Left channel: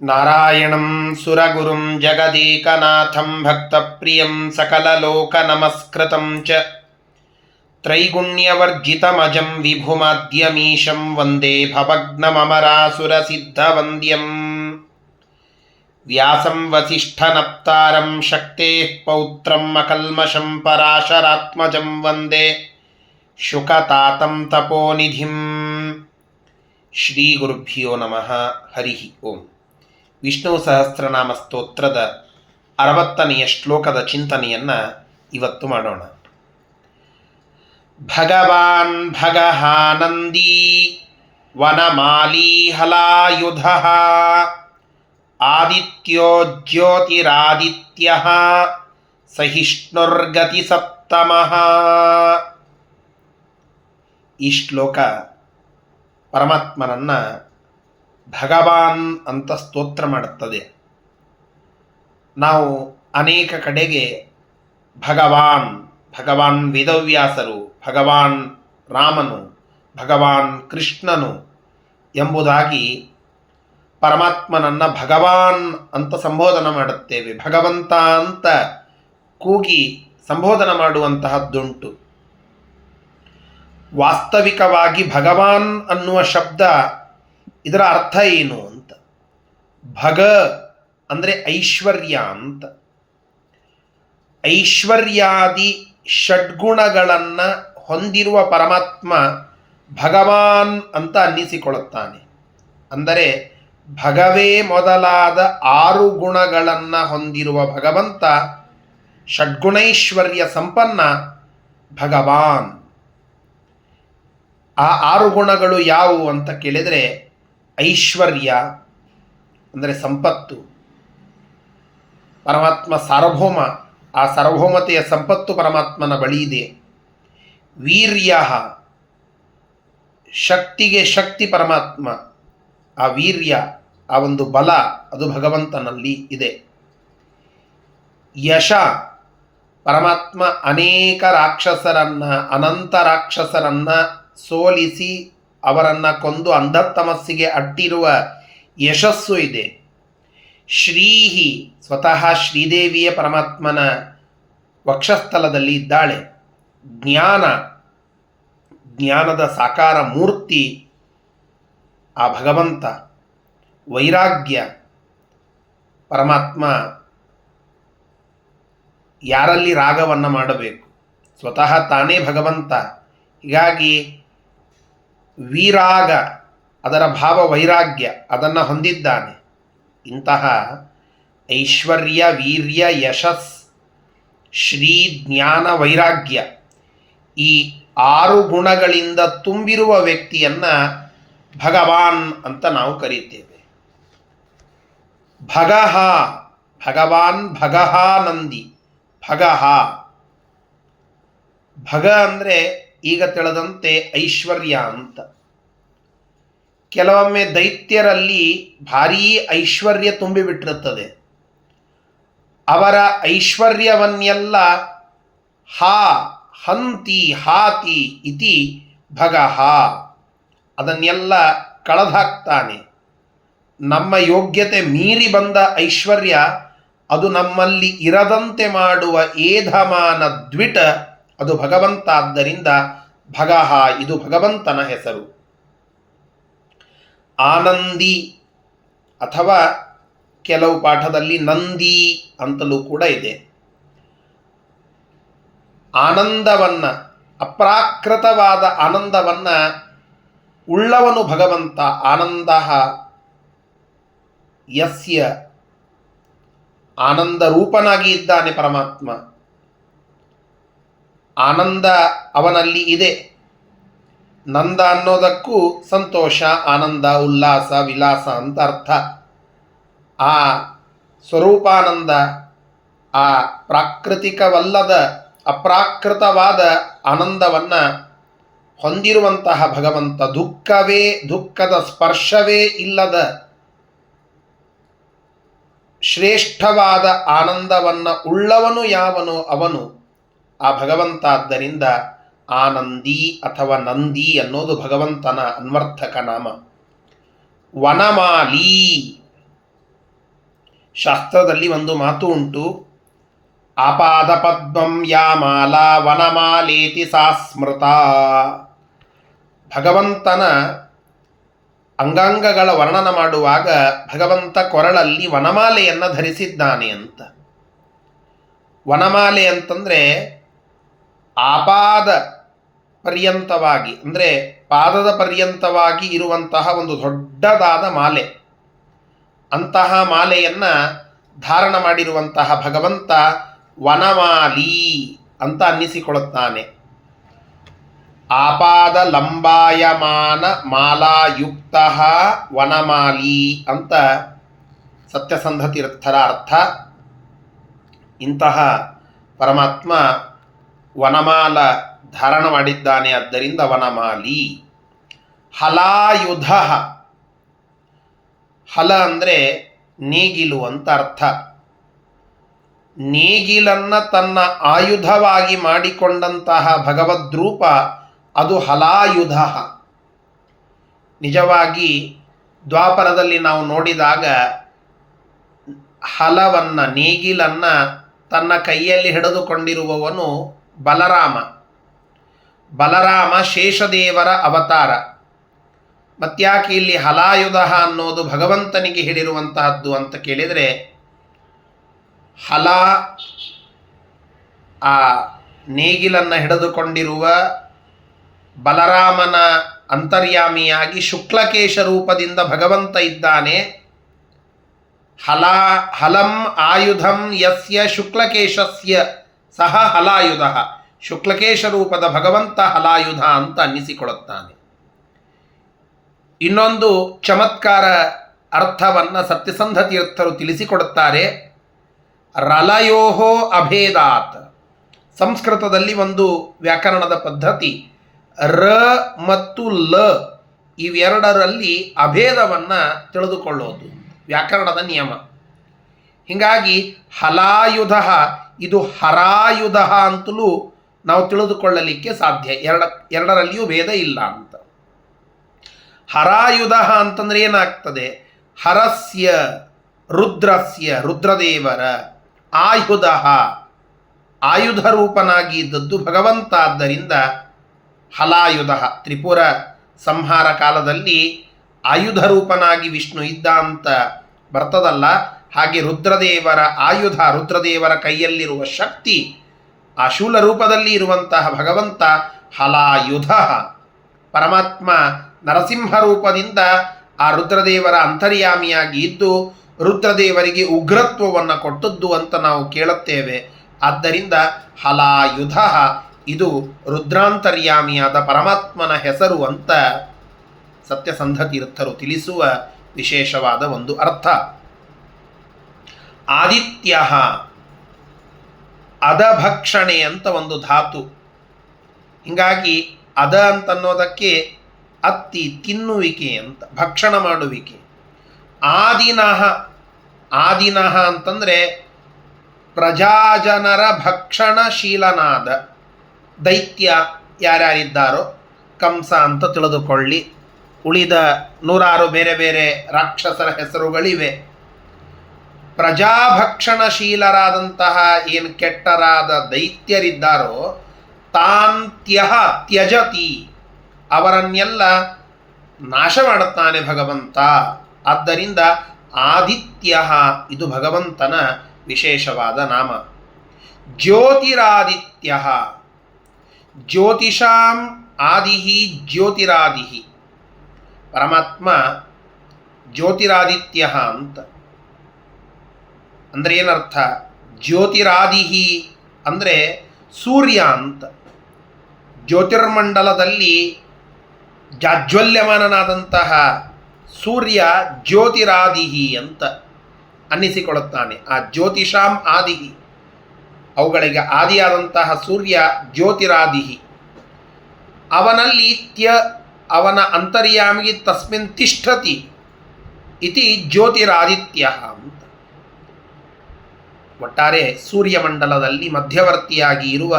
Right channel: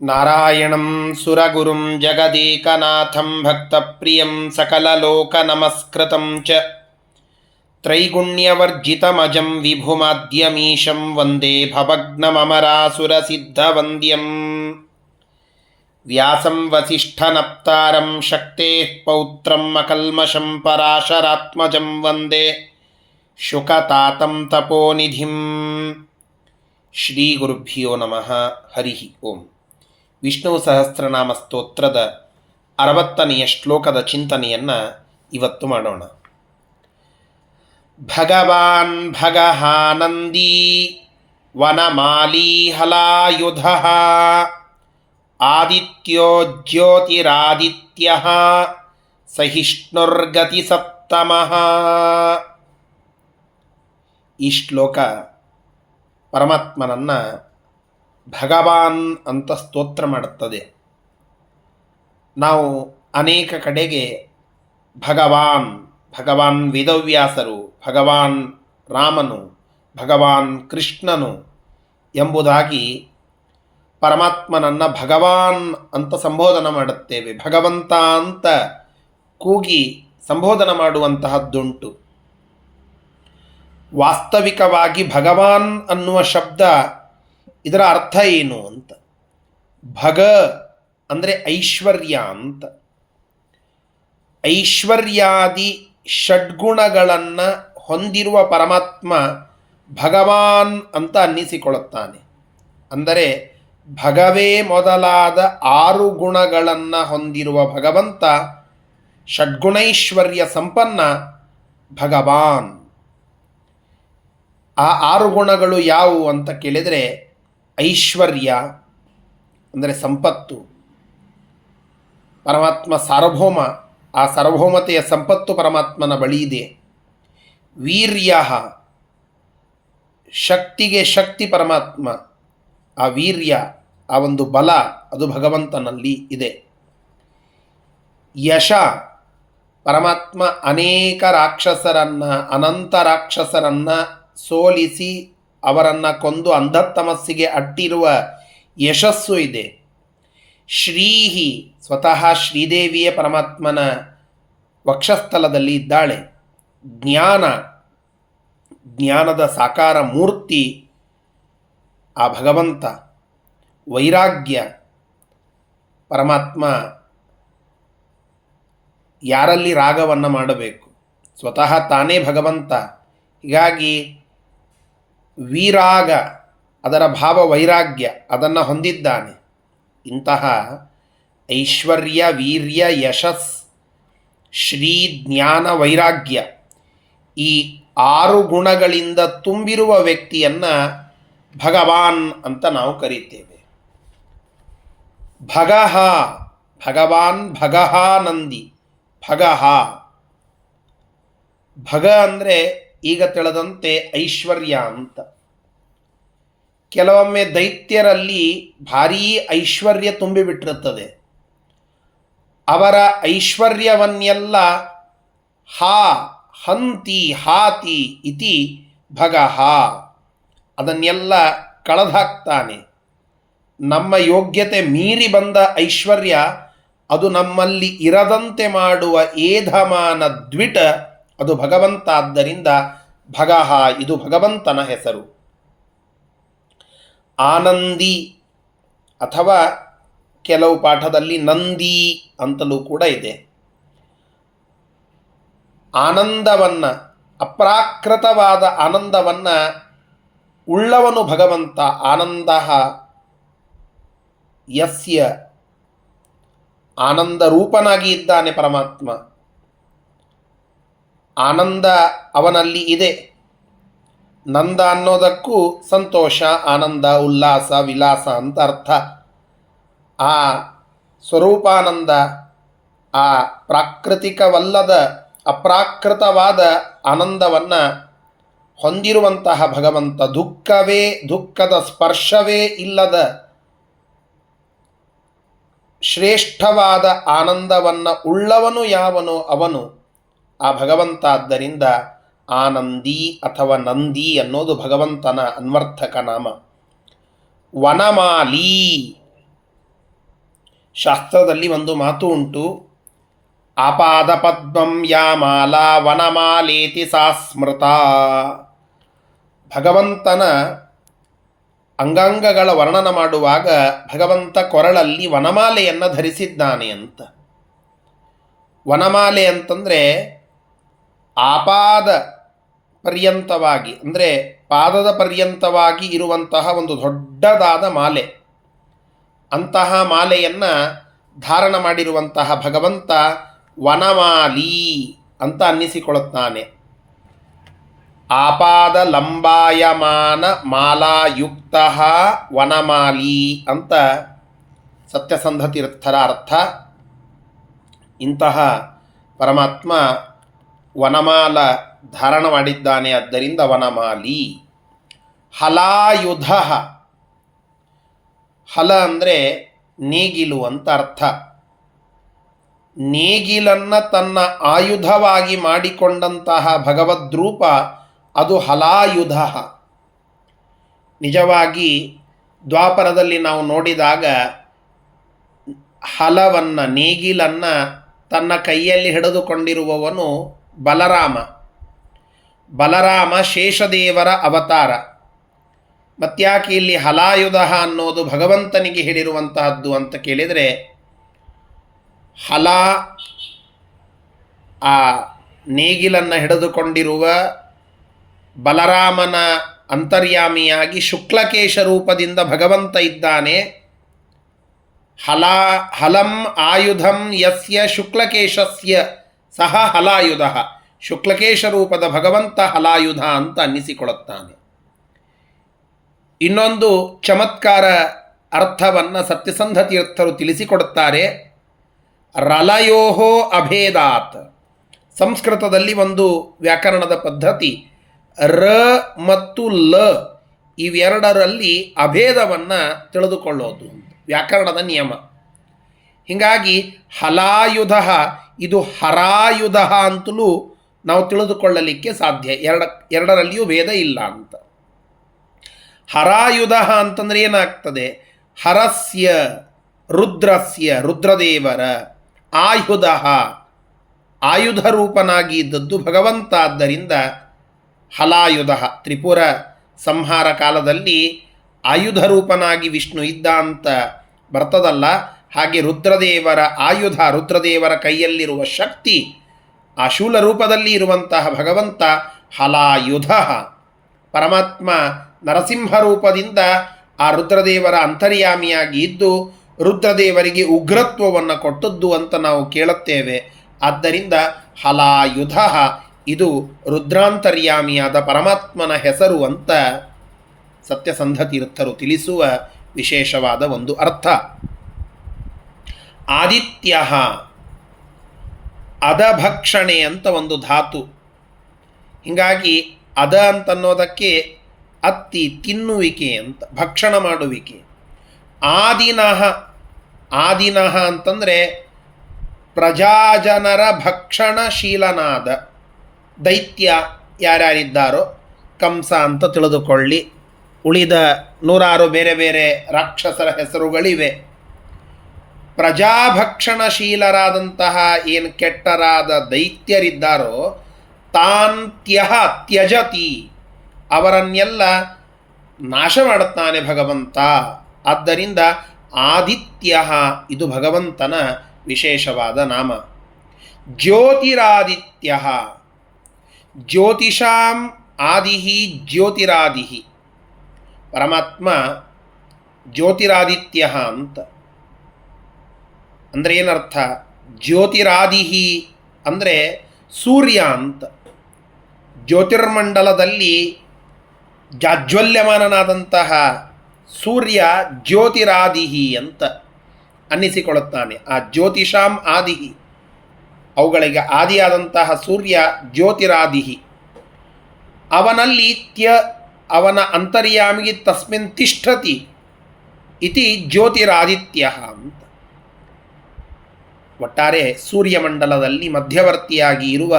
ನಾರಾಯಣಂ ಸುರಗುರುಂ ಜಗದೇಕನಾಥಂ ಭಕ್ತಪ್ರಿಯಂ ಸಕಲಲೋಕನಮಸ್ಕೃತಂ ಚ ತ್ರೈಗುಣ್ಯವರ್ಜಿತಮಜಂ ವಿಭುಮಾದ್ಯಮೀಶಂ ವಂದೇ ಭವಗ್ನಮರಾಸುರಸಿದ್ಧವಂದ್ಯಂ ವ್ಯಾಸಂ ವಸಿಷ್ಠನಪ್ತಾರಂ ಶಕ್ತೇಃ ಪೌತ್ರಂ ಅಕಲ್ಮಷಂ ಪರಾಶರಾತ್ಮಜಂ ವಂದೇ ಶುಕತಾತಂ ತಪೋನಿಧಿಂ. ಶ್ರೀ ಗುರುಭ್ಯೋ ನಮಃ. ಹರಿ ಓಂ. ವಿಷ್ಣು ಸಹಸ್ರನಾಮ ಸ್ತೋತ್ರದ 60ನೆಯ ಶ್ಲೋಕದ ಚಿಂತನೆಯನ್ನು ಇವತ್ತು ಮಾಡೋಣ. ಭಗವಾನ್ ಭಗಹಾನಂದೀ ವನಮಾಲೀ ಹಲಾಯುಧಃ ಆದಿತ್ಯೋ ಜ್ಯೋತಿರಾದಿತ್ಯಃ ಸಹಿಷ್ಣುರ್ಗತಿ ಸಪ್ತಮಃ. ಈ ಶ್ಲೋಕ ಪರಮಾತ್ಮನನ್ನು ಭಗವಾನ್ ಅಂತ ಸ್ತೋತ್ರ ಮಾಡುತ್ತದೆ. ನಾವು ಅನೇಕ ಕಡೆಗೆ ಭಗವಾನ್ ವೇದವ್ಯಾಸರು, ಭಗವಾನ್ ರಾಮನು, ಭಗವಾನ್ ಕೃಷ್ಣನು ಎಂಬುದಾಗಿ ಪರಮಾತ್ಮನನ್ನು ಭಗವಾನ್ ಅಂತ ಸಂಬೋಧನೆ ಮಾಡುತ್ತೇವೆ. ಭಗವಂತ ಅಂತ ಕೂಗಿ ಸಂಬೋಧನೆ ಮಾಡುವಂತಹದ್ದುಂಟು. ವಾಸ್ತವಿಕವಾಗಿ ಭಗವಾನ್ ಅನ್ನುವ ಶಬ್ದ ಇದರ ಅರ್ಥ ಏನು ಅಂತ. ಭಗ ಅಂದರೆ ಐಶ್ವರ್ಯ ಅಂತ. ಐಶ್ವರ್ಯಾದಿ ಷಡ್ಗುಣಗಳನ್ನು ಹೊಂದಿರುವ ಪರಮಾತ್ಮ ಭಗವಾನ್ ಅಂತ ಅನ್ನಿಸಿಕೊಳ್ಳುತ್ತಾನೆ. ಅಂದರೆ ಭಗವೇ ಮೊದಲಾದ 6 ಗುಣಗಳನ್ನು ಹೊಂದಿರುವ ಭಗವಂತ ಷಡ್ಗುಣೈಶ್ವರ್ಯ ಸಂಪನ್ನ ಭಗವಾನ್. ಆ 6 ಗುಣಗಳು ಯಾವುವು ಅಂತ ಕೇಳಿದರೆ, ಐಶ್ವರ್ಯ ಅಂದರೆ ಸಂಪತ್ತು, ಪರಮಾತ್ಮ ಸಾರ್ವಭೌಮ, ಆ ಸಾರ್ವಭೌಮತೆಯ ಸಂಪತ್ತು ಪರಮಾತ್ಮನ ಬಳಿ ಇದೆ. ವೀರ್ಯ, ಶಕ್ತಿಗೆ ಶಕ್ತಿ ಪರಮಾತ್ಮ, ಆ ವೀರ್ಯ, ಆ ಒಂದು ಬಲ ಅದು ಭಗವಂತನಲ್ಲಿ ಇದೆ. ಯಶ, ಪರಮಾತ್ಮ ಅನೇಕ ರಾಕ್ಷಸರನ್ನು, ಅನಂತ ರಾಕ್ಷಸರನ್ನು ಸೋಲಿಸಿ ಅವರನ್ನು ಕೊಂದು ಅಂಧತಮಸ್ಸಿಗೆ ಅಟ್ಟಿರುವ ಯಶಸ್ಸು ಇದೆ. ಶ್ರೀಹಿ, ಸ್ವತಃ ಶ್ರೀದೇವಿಯ ಪರಮಾತ್ಮನ ವಕ್ಷಸ್ಥಲದಲ್ಲಿ ಇದ್ದಾಳೆ. ಜ್ಞಾನದ ಸಾಕಾರ ಮೂರ್ತಿ ಆ ಭಗವಂತ. ವೈರಾಗ್ಯ, ಪರಮಾತ್ಮ ಯಾರಲ್ಲಿ ರಾಗವನ್ನು ಮಾಡಬೇಕು, ಸ್ವತಃ ತಾನೇ ಭಗವಂತ. ಹೀಗಾಗಿ ವಿರಾಗ, ಅದರ ಭಾವ ವೈರಾಗ್ಯ, ಅದನ್ನು ಹೊಂದಿದ್ದಾನೆ. ಇಂತಹ ಐಶ್ವರ್ಯ, ವೀರ್ಯ, ಯಶಸ್, ಶ್ರೀ, ಜ್ಞಾನ, ವೈರಾಗ್ಯ ಈ 6 ಗುಣಗಳಿಂದ ತುಂಬಿರುವ ವ್ಯಕ್ತಿಯನ್ನು ಭಗವಾನ್ ಅಂತ ನಾವು ಕರೀತೇವೆ. ಭಗಃ, ಭಗವಾನ್ ಭಗಹಾನಂದಿ. ಭಗ ಅಂದರೆ ಈಗ ತಿಳಿದಂತೆ ಐಶ್ವರ್ಯ ಅಂತ. ಕೆಲವೊಮ್ಮೆ ದೈತ್ಯರಲ್ಲಿ ಭಾರೀ ಐಶ್ವರ್ಯ ತುಂಬಿಬಿಟ್ಟಿರುತ್ತದೆ. ಅವರ ಐಶ್ವರ್ಯವನ್ನೆಲ್ಲ ಹಂತಿ ಹಾತಿ ಇತಿ ಭಗಃ, ಅದನ್ನೆಲ್ಲ ಕಳೆದಾಕ್ತಾನೆ. ನಮ್ಮ ಯೋಗ್ಯತೆ ಮೀರಿ ಬಂದ ಐಶ್ವರ್ಯ ಅದು ನಮ್ಮಲ್ಲಿ ಇರದಂತೆ ಮಾಡುವ ಏಧಮಾನ ದ್ವಿಟ ಅದು ಭಗವಂತ. ಆದ್ದರಿಂದ ಭಗಃ ಇದು ಭಗವಂತನ ಹೆಸರು. ಆನಂದಿ ಅಥವಾ ಕೆಲವು ಪಾಠದಲ್ಲಿ ನಂದಿ ಅಂತಲೂ ಕೂಡ ಇದೆ. ಆನಂದವನ್ನು, ಅಪ್ರಾಕೃತವಾದ ಆನಂದವನ್ನು ಉಳ್ಳವನು ಭಗವಂತ. ಆನಂದ ಯಸ್ಯ, ಆನಂದ ರೂಪನಾಗಿ ಇದ್ದಾನೆ ಪರಮಾತ್ಮ. ಆನಂದ ಅವನಲ್ಲಿ ಇದೆ. ನಂದ ಅನ್ನೋದಕ್ಕೂ ಸಂತೋಷ, ಆನಂದ, ಉಲ್ಲಾಸ, ವಿಲಾಸ ಅಂತ ಅರ್ಥ. ಆ ಸ್ವರೂಪಾನಂದ, ಆ ಪ್ರಾಕೃತಿಕವಲ್ಲದ ಅಪ್ರಾಕೃತವಾದ ಆನಂದವನ್ನು ಹೊಂದಿರುವಂತಹ ಭಗವಂತ. ದುಃಖದ ಸ್ಪರ್ಶವೇ ಇಲ್ಲದ ಶ್ರೇಷ್ಠವಾದ ಆನಂದವನ್ನು ಉಳ್ಳವನು ಯಾವನು ಅವನು ಆ ಭಗವಂತ. ಆದ್ದರಿಂದ ಆನಂದಿ ಅಥವಾ ನಂದಿ ಅನ್ನೋದು ಭಗವಂತನ ಅನ್ವರ್ಥಕ ನಾಮ. ವನಮಾಲಿ, ಶಾಸ್ತ್ರದಲ್ಲಿ ಒಂದು ಮಾತು ಉಂಟು, ಆಪಾದ ಪದ್ಮಂ ಯಾ ಮಾಲಾ ವನಮಾಲೇತಿ ಸಾ ಸ್ಮೃತ. ಭಗವಂತನ ಅಂಗಾಂಗಗಳ ವರ್ಣನ ಮಾಡುವಾಗ ಭಗವಂತ ಕೊರಳಲ್ಲಿ ವನಮಾಲೆಯನ್ನು ಧರಿಸಿದ್ದಾನೆ ಅಂತ. ವನಮಾಲೆ ಅಂತಂದರೆ ಆಪಾದ ಪರ್ಯಂತವಾಗಿ, ಅಂದರೆ ಪಾದದ ಪರ್ಯಂತವಾಗಿ ಇರುವಂತಹ ಒಂದು ದೊಡ್ಡದಾದ ಮಾಲೆ. ಅಂತಹ ಮಾಲೆಯನ್ನು ಧಾರಣ ಮಾಡಿರುವಂತಹ ಭಗವಂತ ವನಮಾಲಿ ಅಂತ ಅನ್ನಿಸಿಕೊಳ್ಳುತ್ತಾನೆ. ಆಪಾದ ಲಂಬಾಯಮಾನ ಮಾಲಾಯುಕ್ತ ವನಮಾಲಿ ಅಂತ ಸತ್ಯಸಂಧ ತೀರ್ಥರ ಅರ್ಥ. ಇಂತಹ ಪರಮಾತ್ಮ ವನಮಾಲ ಧಾರಣ ಮಾಡಿದ್ದಾನೆ, ಆದ್ದರಿಂದ ವನಮಾಲಿ. ಹಲಾಯುಧ, ಹಲ ಅಂದರೆ ನೇಗಿಲು ಅಂತ ಅರ್ಥ. ನೇಗಿಲನ್ನು ತನ್ನ ಆಯುಧವಾಗಿ ಮಾಡಿಕೊಂಡಂತಹ ಭಗವದ್ರೂಪ ಅದು ಹಲಾಯುಧ. ನಿಜವಾಗಿ ದ್ವಾಪರದಲ್ಲಿ ನಾವು ನೋಡಿದಾಗ ಹಲವನ್ನು, ನೇಗಿಲನ್ನು ತನ್ನ ಕೈಯಲ್ಲಿ ಹಿಡಿದುಕೊಂಡಿರುವವನು ಬಲರಾಮ. ಬಲರಾಮ ಶೇಷದೇವರ ಅವತಾರ. ಮತ್ಯಾಕೆ ಇಲ್ಲಿ ಹಲಾಯುಧ ಅನ್ನೋದು ಭಗವಂತನಿಗೆ ಹಿಡಿರುವಂತಹದ್ದು ಅಂತ ಕೇಳಿದರೆ, ಹಲ ಆ ನೇಗಿಲನ್ನು ಹಿಡಿದುಕೊಂಡಿರುವ ಬಲರಾಮನ ಅಂತರ್ಯಾಮಿಯಾಗಿ ಶುಕ್ಲಕೇಶ ರೂಪದಿಂದ ಭಗವಂತ ಇದ್ದಾನೆ. ಹಲಂ ಆಯುಧಂ ಯಸ್ಯ ಶುಕ್ಲಕೇಶಸ್ಯ ಸಹ ಹಲಾಯುಧ. ಶುಕ್ಲಕೇಶ ರೂಪದ ಭಗವಂತ ಹಲಾಯುಧ ಅಂತ ಅನ್ನಿಸಿಕೊಳ್ಳುತ್ತಾನೆ. ಇನ್ನೊಂದು ಚಮತ್ಕಾರ ಅರ್ಥವನ್ನು ಸತ್ಯಸಂಧ ತೀರ್ಥರು ತಿಳಿಸಿಕೊಡುತ್ತಾರೆ. ರಲಯೋಹೋ ಅಭೇದಾತ್. ಸಂಸ್ಕೃತದಲ್ಲಿ ಒಂದು ವ್ಯಾಕರಣದ ಪದ್ಧತಿ, ರ ಮತ್ತು ಲ ಇವೆರಡರಲ್ಲಿ ಅಭೇದವನ್ನು ತಿಳಿದುಕೊಳ್ಳೋದು ವ್ಯಾಕರಣದ ನಿಯಮ. ಹೀಗಾಗಿ ಹಲಾಯುಧ ಇದು ಹರಾಯುಧ ಅಂತಲೂ ನಾವು ತಿಳಿದುಕೊಳ್ಳಲಿಕ್ಕೆ ಸಾಧ್ಯ. ಎರಡರಲ್ಲಿಯೂ ಭೇದ ಇಲ್ಲ ಅಂತ. ಹರಾಯುಧ ಅಂತಂದರೆ ಏನಾಗ್ತದೆ? ಹರಸ್ಯ ರುದ್ರಸ್ಯ, ರುದ್ರದೇವರ ಆಯುಧ, ಆಯುಧ ರೂಪನಾಗಿ ಇದ್ದದ್ದು ಭಗವಂತ. ಆದ್ದರಿಂದ ಹಲಾಯುಧ. ತ್ರಿಪುರ ಸಂಹಾರ ಕಾಲದಲ್ಲಿ ಆಯುಧ ರೂಪನಾಗಿ ವಿಷ್ಣು ಇದ್ದ ಅಂತ ಬರ್ತದಲ್ಲ, ಹಾಗೆ ರುದ್ರದೇವರ ಆಯುಧ, ರುದ್ರದೇವರ ಕೈಯಲ್ಲಿರುವ ಶಕ್ತಿ, ಆ ಶೂಲ ರೂಪದಲ್ಲಿ ಇರುವಂತಹ ಭಗವಂತ ಹಲಾಯುಧ. ಪರಮಾತ್ಮ ನರಸಿಂಹ ರೂಪದಿಂದ ಆ ರುದ್ರದೇವರ ಅಂತರ್ಯಾಮಿಯಾಗಿ ಇದ್ದು ರುದ್ರದೇವರಿಗೆ ಉಗ್ರತ್ವವನ್ನು ಕೊಟ್ಟದ್ದು ಅಂತ ನಾವು ಕೇಳುತ್ತೇವೆ. ಆದ್ದರಿಂದ ಹಲಾಯುಧ ಇದು ರುದ್ರಾಂತರ್ಯಾಮಿಯಾದ ಪರಮಾತ್ಮನ ಹೆಸರು ಅಂತ ಸತ್ಯಸಂಧ ತೀರ್ಥರು ತಿಳಿಸುವ ವಿಶೇಷವಾದ ಒಂದು ಅರ್ಥ. ಆದಿತ್ಯ, ಅಧಭಕ್ಷಣೆ ಅಂತ ಒಂದು ಧಾತು. ಹೀಗಾಗಿ ಅದ ಅಂತನ್ನೋದಕ್ಕೆ ಅತ್ತಿ, ತಿನ್ನುವಿಕೆ ಅಂತ, ಭಕ್ಷಣ ಮಾಡುವಿಕೆ. ಆದಿನಃ, ಆದಿನಃ ಅಂತಂದರೆ ಪ್ರಜಾಜನರ ಭಕ್ಷಣಶೀಲನಾದ ದೈತ್ಯ ಯಾರ್ಯಾರಿದ್ದಾರೋ, ಕಂಸ ಅಂತ ತಿಳಿದುಕೊಳ್ಳಿ, ಉಳಿದ 106 ಬೇರೆ ಬೇರೆ ರಾಕ್ಷಸರ ಹೆಸರುಗಳಿವೆ. ಪ್ರಜಾಭಕ್ಷಣಶೀಲರಾದಂತಹ ಏನು ಕೆಟ್ಟರಾದ ದೈತ್ಯರಿದ್ದಾರೋ ತಾಂತ್ಯಃ ತ್ಯಜತಿ, ಅವರನ್ನೆಲ್ಲ ನಾಶ ಮಾಡುತ್ತಾನೆ ಭಗವಂತ. ಆದ್ದರಿಂದ ಆದಿತ್ಯ ಇದು ಭಗವಂತನ ವಿಶೇಷವಾದ ನಾಮ. ಜ್ಯೋತಿರಾದಿತ್ಯ, ಜ್ಯೋತಿಷಾಂ ಆದಿಹಿ ಜ್ಯೋತಿರಾದಿಹಿ. ಪರಮಾತ್ಮ ಜ್ಯೋತಿರಾದಿತ್ಯ ಅಂತ ಅಂದರೆ ಏನರ್ಥ? ಜ್ಯೋತಿರಾದಿಹಿ ಅಂದರೆ ಸೂರ್ಯ ಅಂತ. ಜ್ಯೋತಿರ್ಮಂಡಲದಲ್ಲಿ ಜಾಜ್ವಲ್ಯಮಾನನಾದಂತಹ ಸೂರ್ಯ ಜ್ಯೋತಿರಾದಿಹಿ ಅಂತ ಅನ್ನಿಸಿಕೊಳ್ಳುತ್ತಾನೆ. ಆ ಜ್ಯೋತಿಷಾಂ ಆದಿಹಿ, ಅವುಗಳಿಗೆ ಆದಿಯಾದಂತಹ ಸೂರ್ಯ ಜ್ಯೋತಿರಾದಿಹಿ. ಅವನಲ್ಲಿ ಅವನ ಅಂತರ್ಯಾಮಿಗೆ ತಸ್ಮಿನ್ ತಿಷ್ಠತಿ ಇತಿ ಜ್ಯೋತಿರಾದಿತ್ಯ ಅಂತ. ಒಟ್ಟಾರೆ ಸೂರ್ಯಮಂಡಲದಲ್ಲಿ ಮಧ್ಯವರ್ತಿಯಾಗಿ ಇರುವ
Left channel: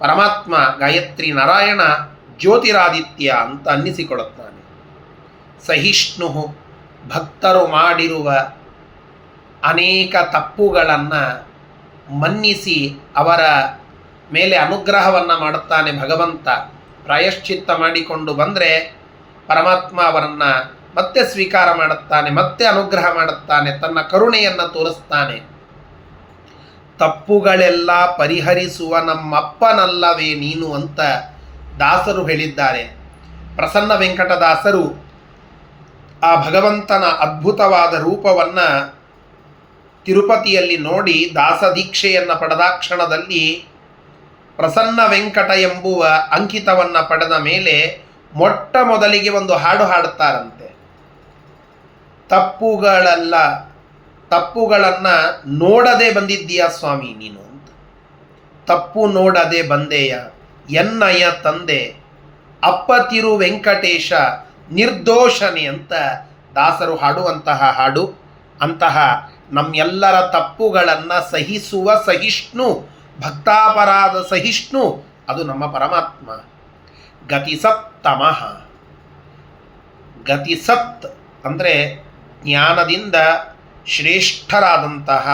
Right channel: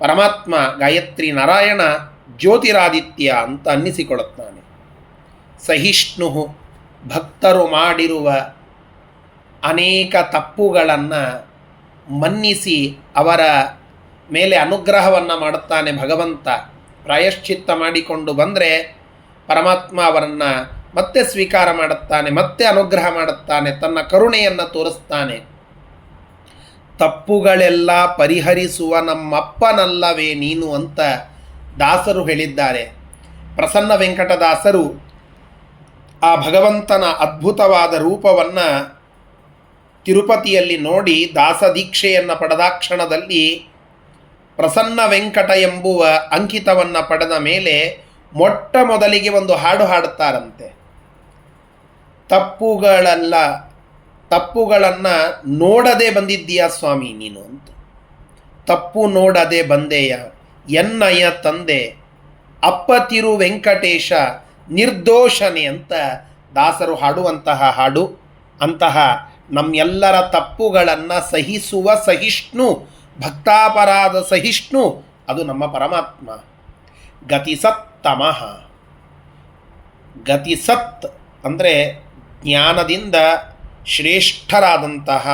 ಪರಮಾತ್ಮ ಗಾಯತ್ರಿ ನಾರಾಯಣ ಜ್ಯೋತಿರಾದಿತ್ಯ ಅಂತ ಅನ್ನಿಸಿಕೊಳ್ಳುತ್ತಾನೆ. ಸಹಿಷ್ಣು, ಭಕ್ತರು ಮಾಡಿರುವ ಅನೇಕ ತಪ್ಪುಗಳನ್ನು ಮನ್ನಿಸಿ ಅವರ ಮೇಲೆ ಅನುಗ್ರಹವನ್ನು ಮಾಡುತ್ತಾನೆ ಭಗವಂತ. ಪ್ರಾಯಶ್ಚಿತ್ತ ಮಾಡಿಕೊಂಡು ಬಂದರೆ ಪರಮಾತ್ಮ ಅವರನ್ನು ಮತ್ತೆ ಸ್ವೀಕಾರ ಮಾಡುತ್ತಾನೆ, ಮತ್ತೆ ಅನುಗ್ರಹ ಮಾಡುತ್ತಾನೆ, ತನ್ನ ಕರುಣೆಯನ್ನು ತೋರಿಸ್ತಾನೆ. ತಪ್ಪುಗಳೆಲ್ಲ ಪರಿಹರಿಸುವ ನಮ್ಮಪ್ಪನಲ್ಲವೇ ನೀನು ಅಂತ ದಾಸರು ಹೇಳಿದ್ದಾರೆ. ಪ್ರಸನ್ನ ವೆಂಕಟದಾಸರು ಆ ಭಗವಂತನ ಅದ್ಭುತವಾದ ರೂಪವನ್ನು ತಿರುಪತಿಯಲ್ಲಿ ನೋಡಿ ದಾಸದೀಕ್ಷೆಯನ್ನು ಪಡೆದಾಕ್ಷಣದಲ್ಲಿ ಪ್ರಸನ್ನ ವೆಂಕಟ ಎಂಬುವ ಅಂಕಿತವನ್ನು ಪಡೆದ ಮೇಲೆ ಮೊಟ್ಟ ಮೊದಲಿಗೆ ಒಂದು ಹಾಡು ಹಾಡುತ್ತಾರಂತೆ. ತಪ್ಪುಗಳನ್ನು ನೋಡದೆ ಬಂದಿದ್ದೀಯಾ ಸ್ವಾಮಿ ನೀನು ಅಂತ. ತಪ್ಪು ನೋಡದೆ ಬಂದೆಯ ಎನ್ನಯ ತಂದೆ ಅಪ್ಪ ತಿರು ವೆಂಕಟೇಶ ನಿರ್ದೋಷನೆ ಅಂತ ದಾಸರು ಹಾಡುವಂತಹ ಹಾಡು. ಅಂತಹ ನಮ್ಮೆಲ್ಲರ ತಪ್ಪುಗಳನ್ನು ಸಹಿಸುವ ಸಹಿಷ್ಣು, ಭಕ್ತಾಪರಾಧ ಸಹಿಷ್ಣು ಅದು ನಮ್ಮ ಪರಮಾತ್ಮ. ಗತಿಸತ್ತಮಃ. ಗತಿಸತ್ ಅಂದರೆ ಜ್ಞಾನದಿಂದ ಶ್ರೇಷ್ಠರಾದಂತಹ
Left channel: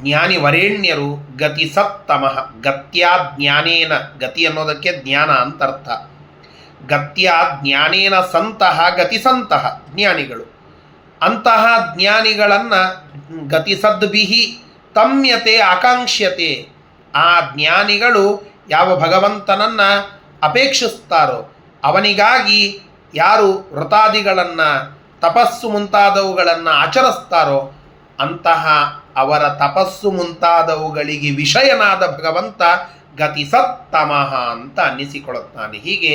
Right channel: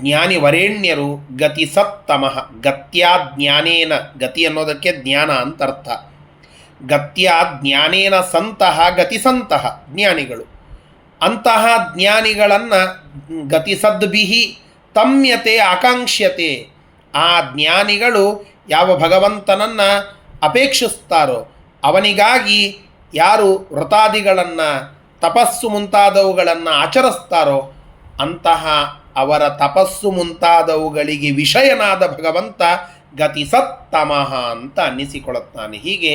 ಜ್ಞಾನಿ ವರೇಣ್ಯರು. ಗತಿಸತ್ತಮಃ. ಗತ್ಯಾ ಜ್ಞಾನೇನ, ಗತಿ ಅನ್ನೋದಕ್ಕೆ ಜ್ಞಾನ ಅಂತ ಅರ್ಥ. ಗತ್ಯಾ ಜ್ಞಾನೇನ ಸಂತಹ ಗತಿಸಂತಹ ಜ್ಞಾನಿಗಳು. ಅಂತಹ ಜ್ಞಾನಿಗಳನ್ನು ಗತಿಸದ್ಭಿಹಿ ತಮ್ಯತೆ ಆಕಾಂಕ್ಷ್ಯತೆ. ಆ ಜ್ಞಾನಿಗಳು ಯಾವ ಭಗವಂತನನ್ನು ಅಪೇಕ್ಷಿಸ್ತಾರೋ ಅವನಿಗಾಗಿ ಯಾರು ವ್ರತಾದಿಗಳನ್ನು ತಪಸ್ಸು ಮುಂತಾದವುಗಳನ್ನು ಆಚರಿಸ್ತಾರೋ ಅಂತಹ ಅವರ ತಪಸ್ಸು ಮುಂತಾದವುಗಳಿಗೆ ವಿಷಯನಾದ ಭಗವಂತ ಗತಿಸತ್ತಮಃ ಅಂತ ಅನ್ನಿಸಿಕೊಳ್ಳುತ್ತಾನೆ. ಹೀಗೆ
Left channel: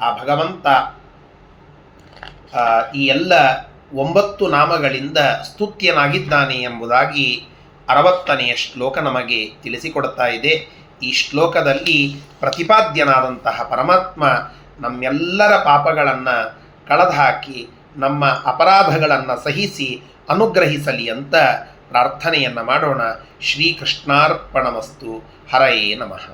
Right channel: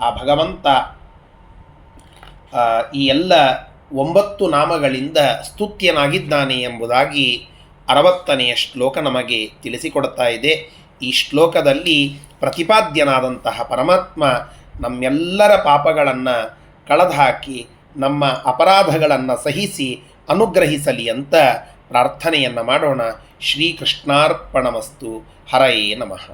ಆ ಭಗವಂತ ಈ ಎಲ್ಲ 9 ನಾಮಗಳಿಂದ ಸ್ತುತ್ಯನಾಗಿದ್ದಾನೆ ಎಂಬುದಾಗಿ 60ನೆಯ ಶ್ಲೋಕ ನಮಗೆ ತಿಳಿಸಿಕೊಡ್ತಾ ಇದೆ. ಈ ಶ್ಲೋಕದಲ್ಲಿ ಪ್ರತಿಪಾದ್ಯನಾದಂತಹ ಪರಮಾತ್ಮ ನಮ್ಮೆಲ್ಲರ ಪಾಪಗಳನ್ನು ಕಳೆದುಹಾಕಿ ನಮ್ಮ ಅಪರಾಧಗಳನ್ನು ಸಹಿಸಿ ಅನುಗ್ರಹಿಸಲಿ ಅಂತ ಪ್ರಾರ್ಥನೆಯನ್ನು ಮಾಡೋಣ. ಶ್ರೀಕೃಷ್ಣಾರ್ಪಣಮಸ್ತು. ಹರಯೇ ನಮಃ.